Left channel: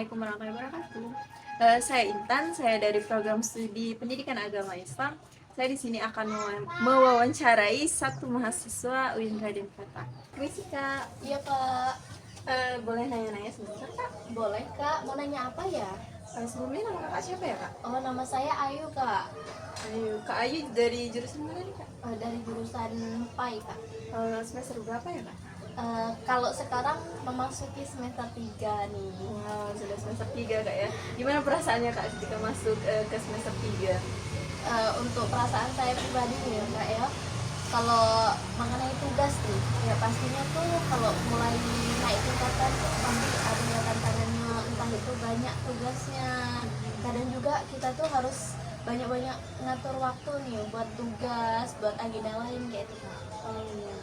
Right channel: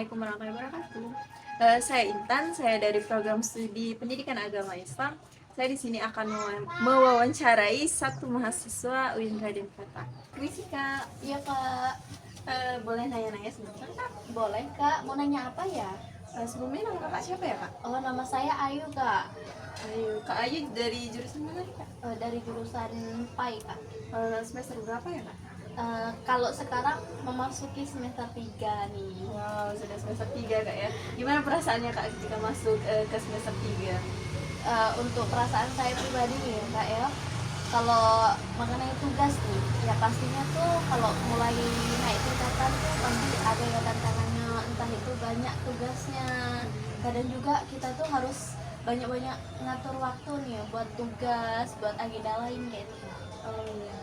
Assalamualaikum warahmatullahi wabarakatuh. Saya Intan, saya dari program studi Pendidikan Agama Islam. Saya di sini akan mewawancarai satu mahasiswa UIN Raden Fata. Permisi Kak. Iya Kak, Boleh nanya-nanya sebentar Kak? boleh Kak. Mau nanya apa ya? Sebelumnya nama Kakak siapa ya Kak? Oh, nama saya Ayu Kak. Ayu. Kak Ayu dari jurusan mana nih Kak? Dari jurusan PAI Kak. Semester berapa ya Kak? Kalau sekarang memasuki semester 3 nih. Wow, sudah semester 3 Kak ya. Gimana perasaannya Kak ketika masuk ke semester 3? Untuk perasaan saya pribadi nih ya Kak ya, kalau mengenai tugas tuh, ya pastinya tuh kalau mulai naik tingkatan pasti ada ya tantangannya, entah itu banyak tugasnya. Kadang juga kita tuh harus banyak-banyak ngatur waktu nih buat tugas, buat agenda lain kayak gitu. Oh, iya.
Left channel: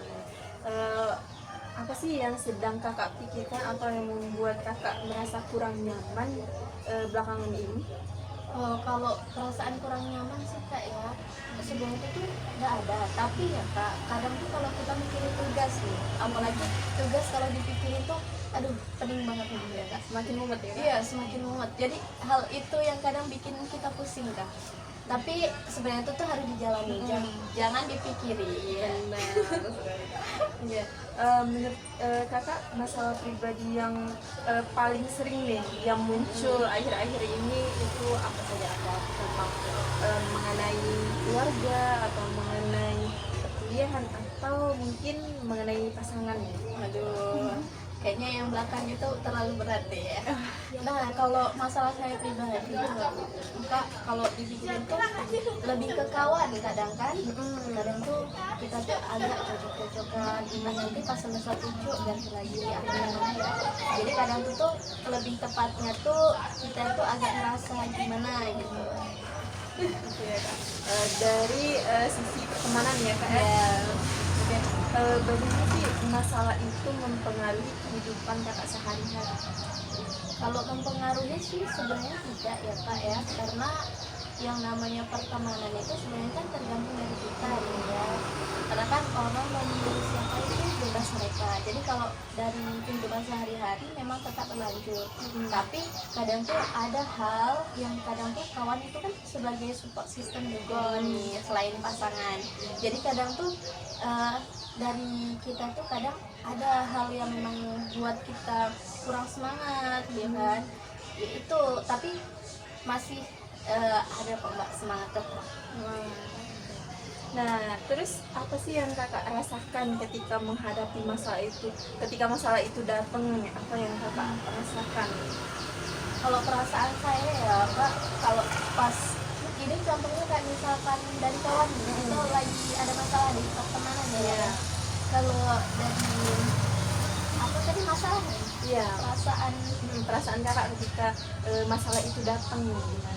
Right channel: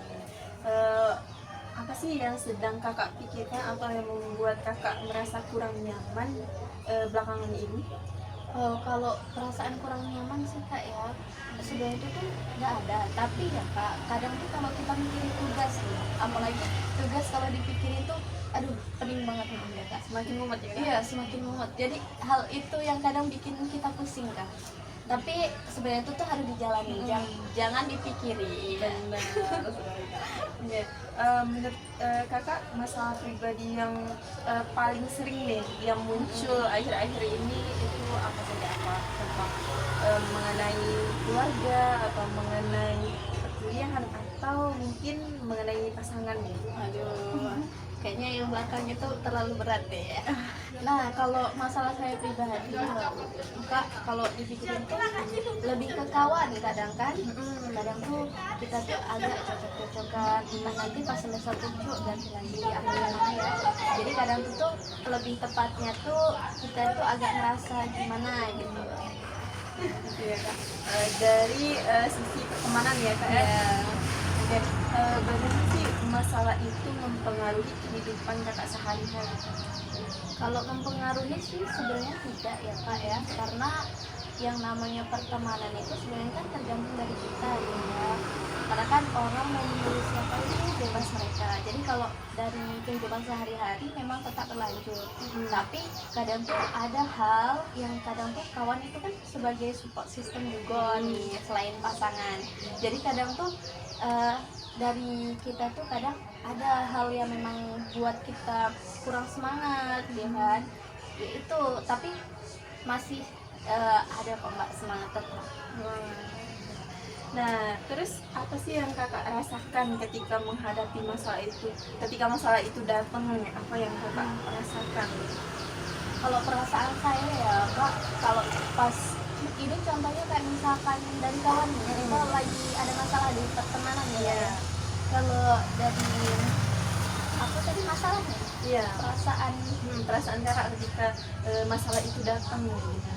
Eh, apa sih yang sedang kakak pikirkan atau yang membuat kakak merasa kurang nyaman belakangan ini? Kalau perasaan kurang nyaman sih Kak ya, sebelum itu tuh nggak ada, tapi ya Kak, kadang tuh kalau kita mikirin tugas nih, apalagi tugas kalau dipikirin tuh, aduh pening banget nih ya Kak. Semakin mumet ya Kak? Iya, semakin mumet. Jadi hal itu yang kadang bikin kita pusing Kak. Tapi sebenarnya itu tuh harus dijalani, jangan dipikirin. Benar. Iya. Menurut kakak masalah pribadi yang paling sering deh yang muncul akhir-akhir ini itu apa saja, apa tentang mengenai keluarga atau mengenai perkuliahan atau mungkin mengenai pasangan nih? Aduh, kayaknya yang belakang itu terlalu berat deh ya. Nah, kalau masalah saya pribadi, Kak, kalau dipikirin tuh lebih ke kawan kadang kan. Kadang tuh kita tuh agak cocok-cocokan, gimana nanti pas semester 7 ganti lagi ambilannya ya. Jadi kadang tuh lebih tepatnya tuh kita tuh agak ngerasa gimana gitu. Gitu ya Kak. Dari sisi pertemanan ya Kak ya. Ya, Oke. Bagaimana sih masalah itu mempengaruhi kehidupan kakak sehari-hari? kalau mempengaruhi sih sebenarnya tidak ya Kak ya, karena yang namanya pertemanan itu sebenarnya kan tergantung dari kita ya. Karena kan orang mau memilih siapa itu bebas mereka. Jadi kalau dari kehidupan sehari-hari memang tetap berlanjut. Tapi kadang tuh ada hal yang kadang tuh kawan itu kan sebagai support system juga nih selain pasangan. Jadi kadang tuh dari kita tuh kadang ada hal yang memang buat kita kurang semangat ya kan ya itu, tapi masih ada kok Mbak semangat tetap. Nah, terus apa sih yang kakak rasakan ketika menghadapi masalah itu? Ketika masalah itu datang, apa yang kakak rasakan? Kalau perasaan saya ya Mbak, kalau pas ini contohnya kayak misalkan dari kawan nih kita lagi ada masalah di pertemanan ya. Kalau dari apa tadi masalahnya? Iya, Perasaan. perasaan kakak ketika masalah itu datang gimana?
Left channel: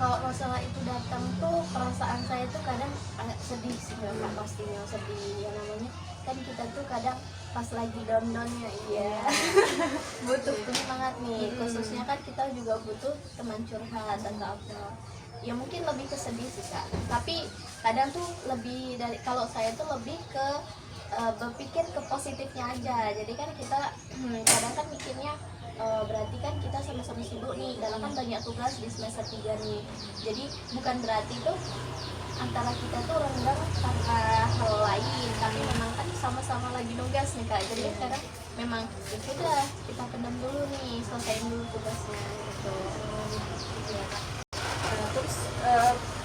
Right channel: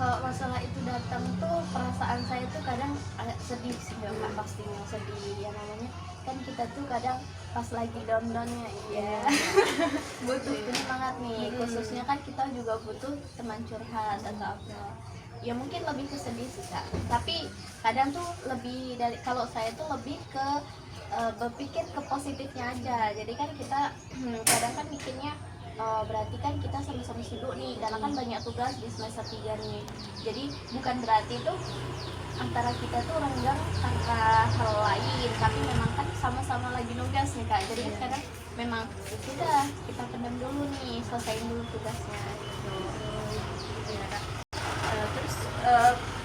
Kalau masalah itu datang tuh perasaan saya tuh kadang agak sedih sih Kak, pastinya sedih ya, namanya kan kita tuh kadang pas lagi down-downnya ya butuh penyemangat nih, khususnya kan kita juga butuh teman curhat atau apa ya, mungkin lebih ke sedih sih Kak, tapi kadang tuh lebih dari, kalau saya tuh lebih ke berpikir ke positifnya aja. Jadi kan kita kadang kan mikirnya berarti kan kita sama-sama sibuk nih karena kan banyak tugas di semester 3 nih, jadi bukan berarti tuh antara kita tuh renggang karena hal lain, tapi memang kan sama-sama lagi nugas nih Kak, jadi kan kadang memang ya sudah kita pendam dulu nih, selesaiin dulu tugasnya gitu. Ya, Kak. Terus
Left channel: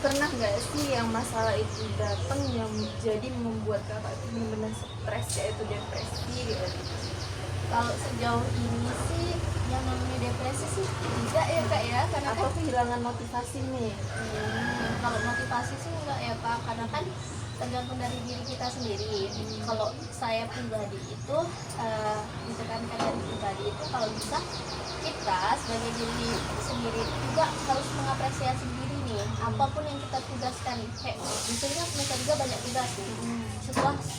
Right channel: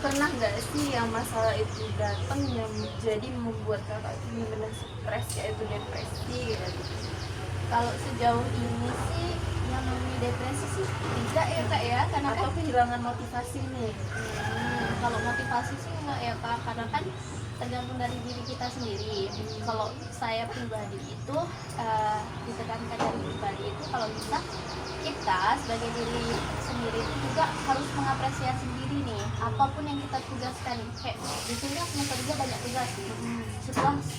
pernah nggak sih yang masalah itu datang yang jadi membuat kakak itu benar-benar stres, yaitu depresi gitu? Kalau sejauh ini sih yang namanya depresi sih tidak ya Kak ya, karena Atau kan kehilangan motivasi nih? kalau motivasi sih enggak ya Pak, karena kan tergantung dari diri kita sendiri. Kalau saya pribadi itu ditekankan dari pribadi itu kalau bisa kita sebagai diri sendiri itu juga harus mengapresiasi diri nih, apapun yang kita tugaskan. Kayak di sini kan semester juga banyak tugas nih.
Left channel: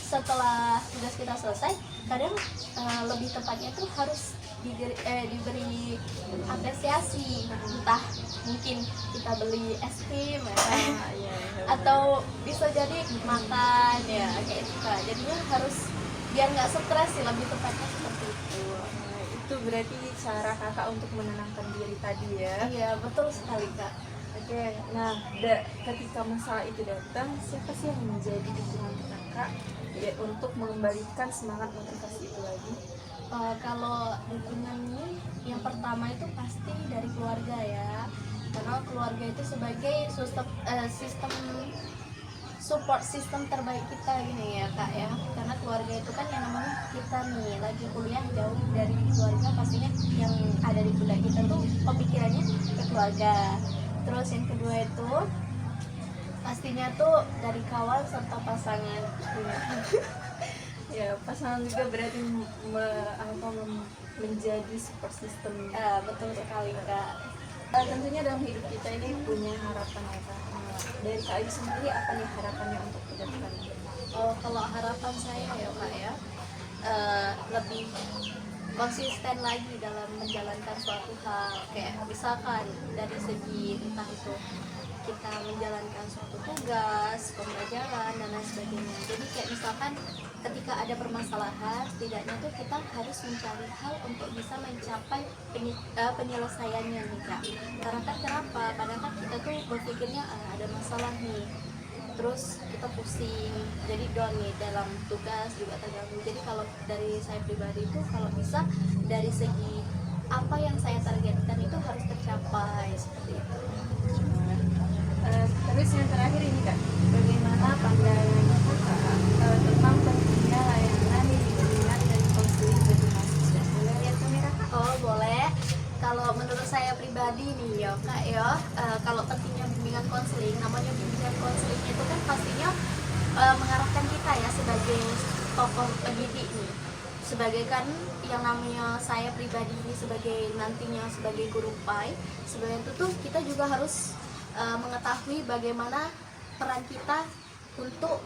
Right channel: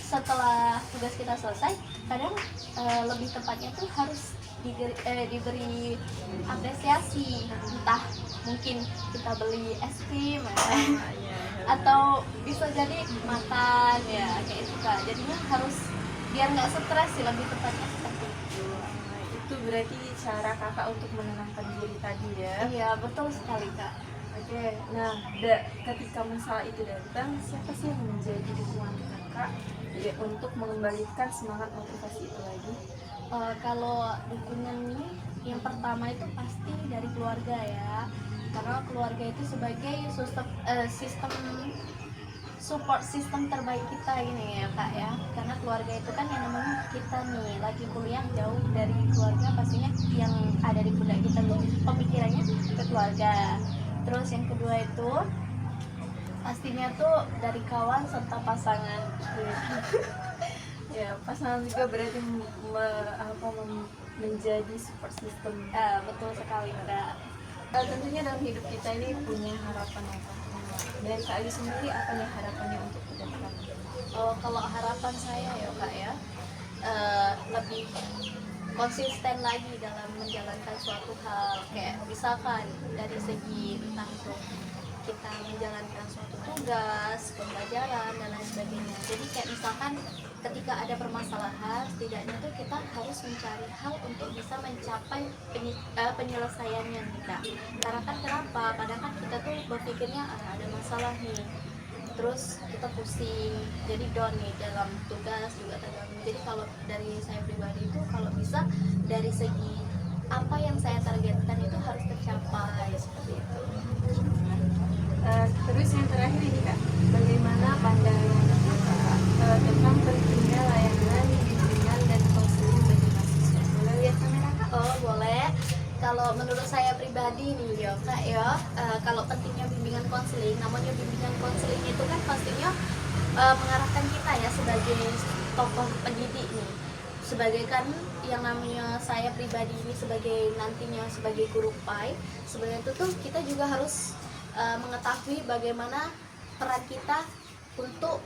Setelah tugas kita selesai, kadang lebih tepatnya tuh harus diberi apresiasi, entah mungkin kita beli es krim atau bisa jadi makan ya kayak itu Kak. Jadinya harus biar nggak stres sih, lebih tepatnya seperti itu. itu berarti cara kakak untuk menenangkan diri tadi ya. Iya, betul sekali Kak. Oke, nah ketika masalah itu datang, siapa sih yang menjadi dukungan kakak ya, untuk mengembalikan semangat motivasi itu lagi? Kalau dukungan ini yang pertama itu pasti dari keluarga ya, karena keluarga itu sebagai sistem support sistem terbaik kita ini ya Kak ya, karena keluarga itu kan yang namanya kita nih lagi kuliah jauh dari keluarga, pastinya yang ada di pundak kita tuh pemikirannya ke keluarga. Terus yang kedua itu pastinya tuh dari kawan serta pasangan. Ya, pasangan juga berarti menjadi support system. Betul sekali Kak. Tentunya dalam hidup kita ini punya harapan ya Kak. Nah, dari Kak Ayu sendiri apa nih harapannya untuk ke depan? Kalau harapan saya ya Kak ya, lebih konsisten lagi dalam menjalankan suatu hal, kayak misalkan dari segi entah itu kita menjalankan suatu tugas, pembelajaran dan lain sebagainya. Jadi kayak misalkan ketika ada permasalahan, setidaknya tuh kita harus mencari hal untuk bisa mencapai penyelesaiannya nih Kak. Karena kan kenapa? Kadang kan kita tuh berpikirnya ada masalah nih, terus kita pusing, jadi down nih dalam tugas juga terganggu. Jadi kalau dari saya pribadi itu kalau bisa dari segi apa yang saya targetkan itu harus tercapai seperti itu. Terus yang terakhir ini Kak, bagaimana pandangan kakak tentang pentingnya layanan bimbingan dan konseling bagi mahasiswa? Boleh lihat kamera Kak? Oh boleh. Kalau menurut saya pribadi nih ya Kak ya, kalau pentingnya bimbingan konseling, namanya bimbingan konseling itu kan pastinya mengarahkan kita ya sebagai tokoh pendidik nih, sebagai kan yang namanya saya pribadi ini sebagai nantinya sebagai guru PAI, sebenarnya itu tuh kita juga harus mengetahui bagaimana peran kita untuk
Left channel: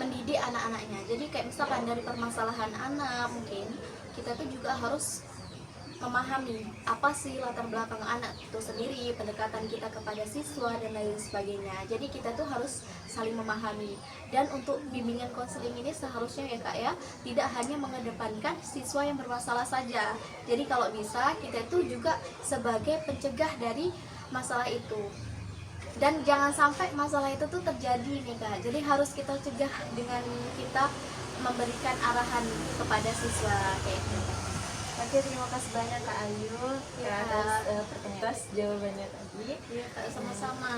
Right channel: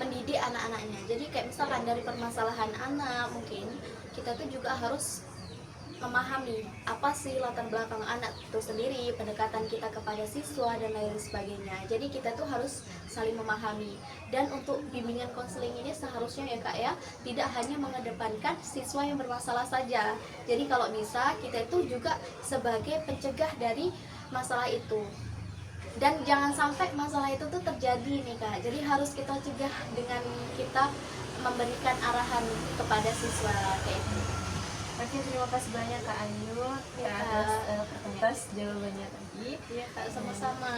mendidik anak-anaknya. Jadi kayak misalkan dari permasalahan anak, mungkin kita tuh juga harus memahami apa sih latar belakang anak itu sendiri, pendekatan kita kepada siswa dan lain sebagainya. Jadi kita tuh harus saling memahami. Dan untuk bimbingan konseling ini seharusnya ya Kak ya, tidak hanya mengedepankan siswa yang bermasalah saja. Jadi kalau bisa kita tuh juga sebagai pencegah dari masalah itu. Dan jangan sampai masalah itu tuh terjadi nih Kak. Jadi harus kita cegah dengan kita memberikan arahan kepada siswa kayak gitu. Oke, terima kasih banyak Kak Ayu atas pertanyaan jawabannya tadi. Iya Kak, sama-sama.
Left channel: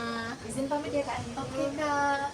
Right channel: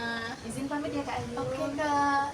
Izin pamit ya Kak Ayu. Oke Kak.